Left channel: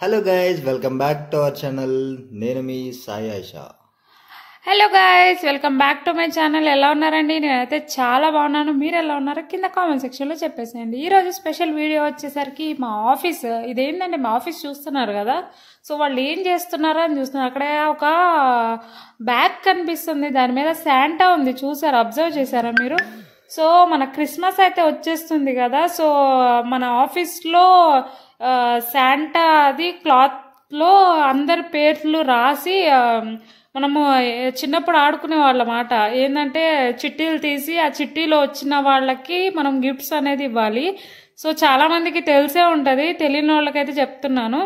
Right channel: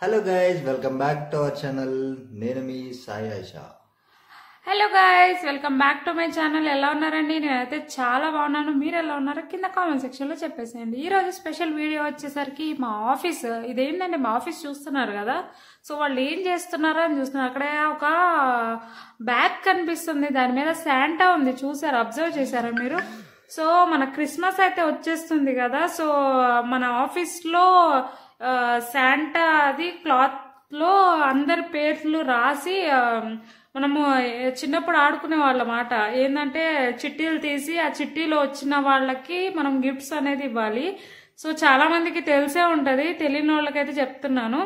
Hello guys, welcome back to our channel. నేను మీ Sai Ayesha. Hello guys, welcome back to my channel. ఎలా ఉన్నారండి? నేనైతే చాలా బాగున్నాను. మీరు ఎలా ఉన్నారో కింద కామెంట్ సెక్షన్లో చెప్పేసేయండి. ఈరోజు స్పెషల్ వీడియో వచ్చేసరికి మా ఆఫీస్, ఇదేంటంటే మా ఆఫీస్ చూస్తున్నారు కదా, సో వాళ్ళు ఏం చేస్తున్నారో అని చూస్తున్నారు. అక్కడ ఒక బ్యాగ్ కనిపిస్తుంది, దాని మీద శాంటా ఉంది. చూసారు, అబ్జర్వ్ చేశారా మీరు? సో మన క్రిస్మస్ అయితే వచ్చేస్తుంది కదా, సో మన ఆఫీస్లో శాంటా అది క్లాత్లో అందరి పేర్లు రాసి, మనము చిన్నప్పుడు ఆడుకునే వాళ్ళమాట. ఏంటంటే చిట్టీలు తీసి ఆ చిట్టీలో వచ్చిన వాళ్ళకి మనం గిఫ్ట్స్ అనేది ఇవ్వాలి. సో చాలా మందికి తెలిసే ఉంటుంది, తెలియని వాళ్ళకైతే చెప్తున్నాను.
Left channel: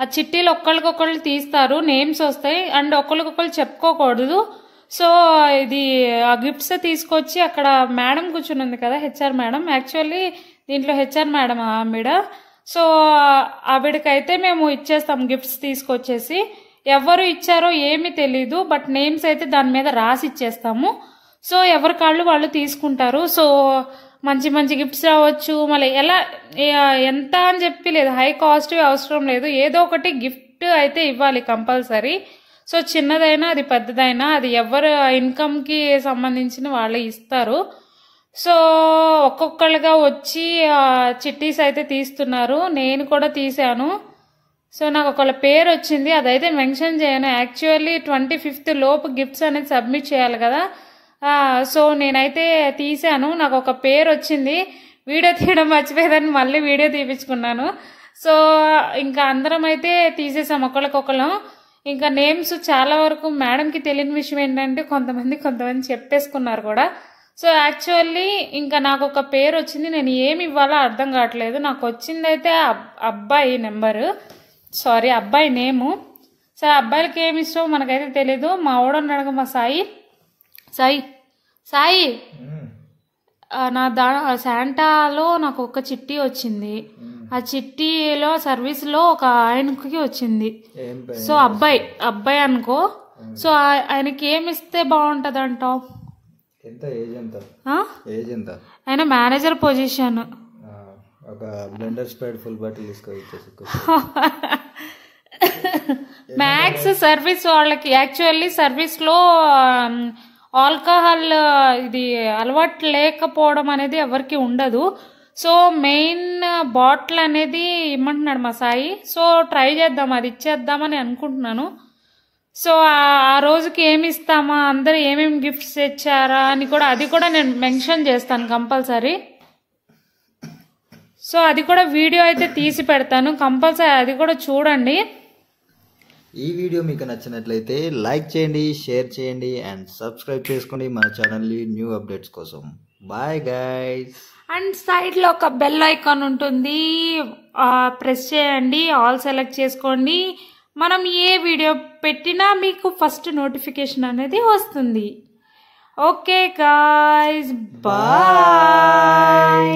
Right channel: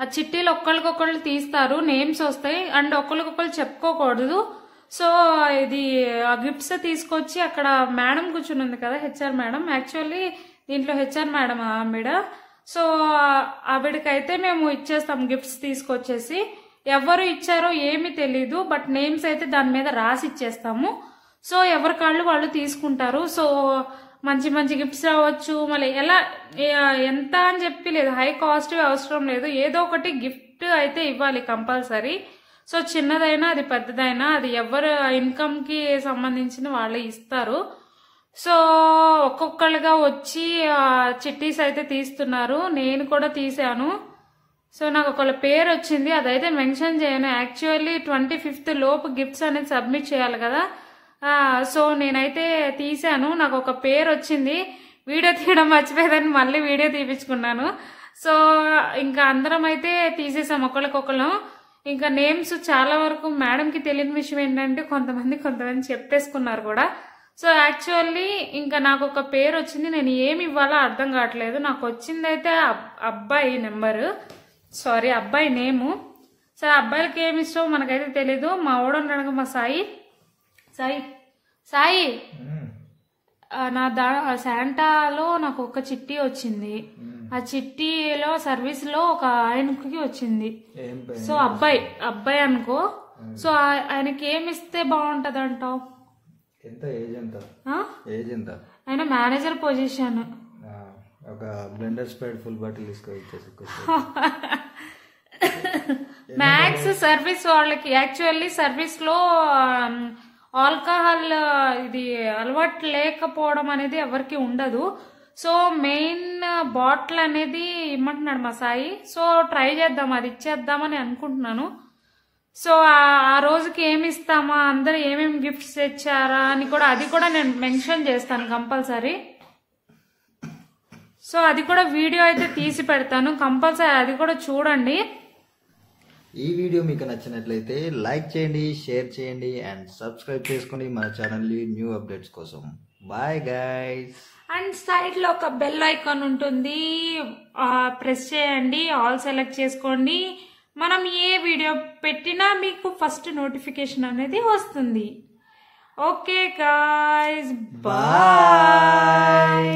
ఆ చిట్టీలు ఒక్కరికొకళ్ళు తీస్తారు, నేమ్స్ వస్తాయి, అండ్ ఒకరికొకళ్ళు చెప్పుకోకూడదు. సో ఇది ఆ గిఫ్ట్స్ తీసుకొచ్చి అక్కడ మేడం కూర్చుని ఉంది కదా, హెచ్ఆర్ మేడం. యాక్చువల్లీ దీంట్లో హెచ్ఆర్ మేడం ఆవిడ. సో ఆవిడకైతే మేము ఇచ్చేస్తాం గిఫ్ట్స్ తీసుకొచ్చేసి. ఎవరు ఇచ్చారో ఏమీ తెలీదు, బట్ నేమ్స్ అయితే దాని మీద రాసి ఇచ్చేస్తాము. సో ఎవరి కాళ్ళు వాళ్ళు తీసుకుంటారు. సో మంచి మంచి గిఫ్ట్స్ రావచ్చు, మళ్ళీ ఎలా ఎంత అని చెప్పి లేదు, హై కాస్ట్ అవసరం లేదు, ఏదో ఒకటి గిఫ్ట్ అయితే ఇవ్వాలి కంపల్సరీ. సో చిన్నదైనా అది పెద్దదైనా అది ఎవరు ఇన్కమ్కి సంబంధించిన వాళ్ళు ఇస్తారు. సో ఒక్కొక్కళ్ళుగా వచ్చి చిట్టీస్ అయితే తీస్తున్నారు, నేను కూడా తీసాను. సో నాకు ఒకళ్ళ పేరు వచ్చింది, అదైతే మెన్షన్ చేయను. యాక్చువల్లీ 25th లోపు గిఫ్ట్స్ అనేది సబ్మిట్ చేయాలి కదా. సో నేనైతే తీసాను, నాకు ఒక పేరు వచ్చింది. వీడియో తీయడం మర్చిపోయేదని మళ్ళీ వీడియో తీపించుకున్నాను. సో ఇంకా అందరం అయితే తీసేసాం ఒకళ్ళకొకళ్ళం. ఇంకా నేమ్స్ చాలా వరకు మేడంకి తెలియని విషయం ఏంటంటే కొంతమంది చెప్పేసుకున్నారు కూడా. సో యాక్చువల్లీ ఇంకా నాకు ఒక పేరు వచ్చింది, నేను ఏమి ఇవ్వాలో అర్థం కావట్లేదు. నాకు వచ్చిందైతే అబ్బాయి నెంబరు, సారీ అబ్బాయి నేము. సో అబ్బాయిలకి ఏమి ఇష్టం మనకైతే తెలీదు. మా ఓడన్నాడు మా సాయి నా శాంటాలో నాకు ఒక చిట్టి వచ్చింది. ఆ చిట్టీలో సర్వీస్లో ఒక ఆయనకి వచ్చింది. సో అబ్బాయి అనుకో. సో ఆయనకి ఏమి ఇస్తే బాగుంటది అంటావు? ఆయన మేనేజర్ పొజిషన్. ఒక Blenders Pride full bottle max service వాళ్ళకి. యాక్చువల్లీ సర్వీస్లో ఆల్కహాల్ ఇది అలవాటు లేకపోవడం అనేది ఎవరికి ఉండదు. సో మెయిన్ బాటిల్ అనేది ఇమ్మంటున్నాడు మా సాయి. సో ట్రై చేద్దాం, అది ఇచ్చేద్దామని అనుకుంటున్నాను. సో ఆ రోజుకి ఏమి ఇస్తామా, అందరూ ఏమేమి గిఫ్ట్స్ ఇచ్చారా అని కూడా అది కూడా నేను మెన్షన్ చేస్తాను కంపల్సరీ. సో అది కూడా వీడియో అయితే తీసి పెడతాను కంపల్సరీ, అది కూడా చూడండి. ఈ వీడియో మీకు నచ్చినట్లయితే లైక్ చేయండి, షేర్ చేయండి అండ్ సబ్స్క్రైబ్ చేసుకోండి మన ఛానల్ని న్యూ అప్డేట్స్ కోసం. Bye guys. అండ్ సైడ్లో ఒక బెల్ ఐకాన్ ఉంటుంది, ప్రెస్ చేయండి, ఆల్ సెలెక్ట్ చేసుకోండి. మనం ఏ వీడియో పెట్టినా మీకు ఫస్ట్ నోటిఫికేషన్ అనేది వస్తుంది. Okay guys, bye.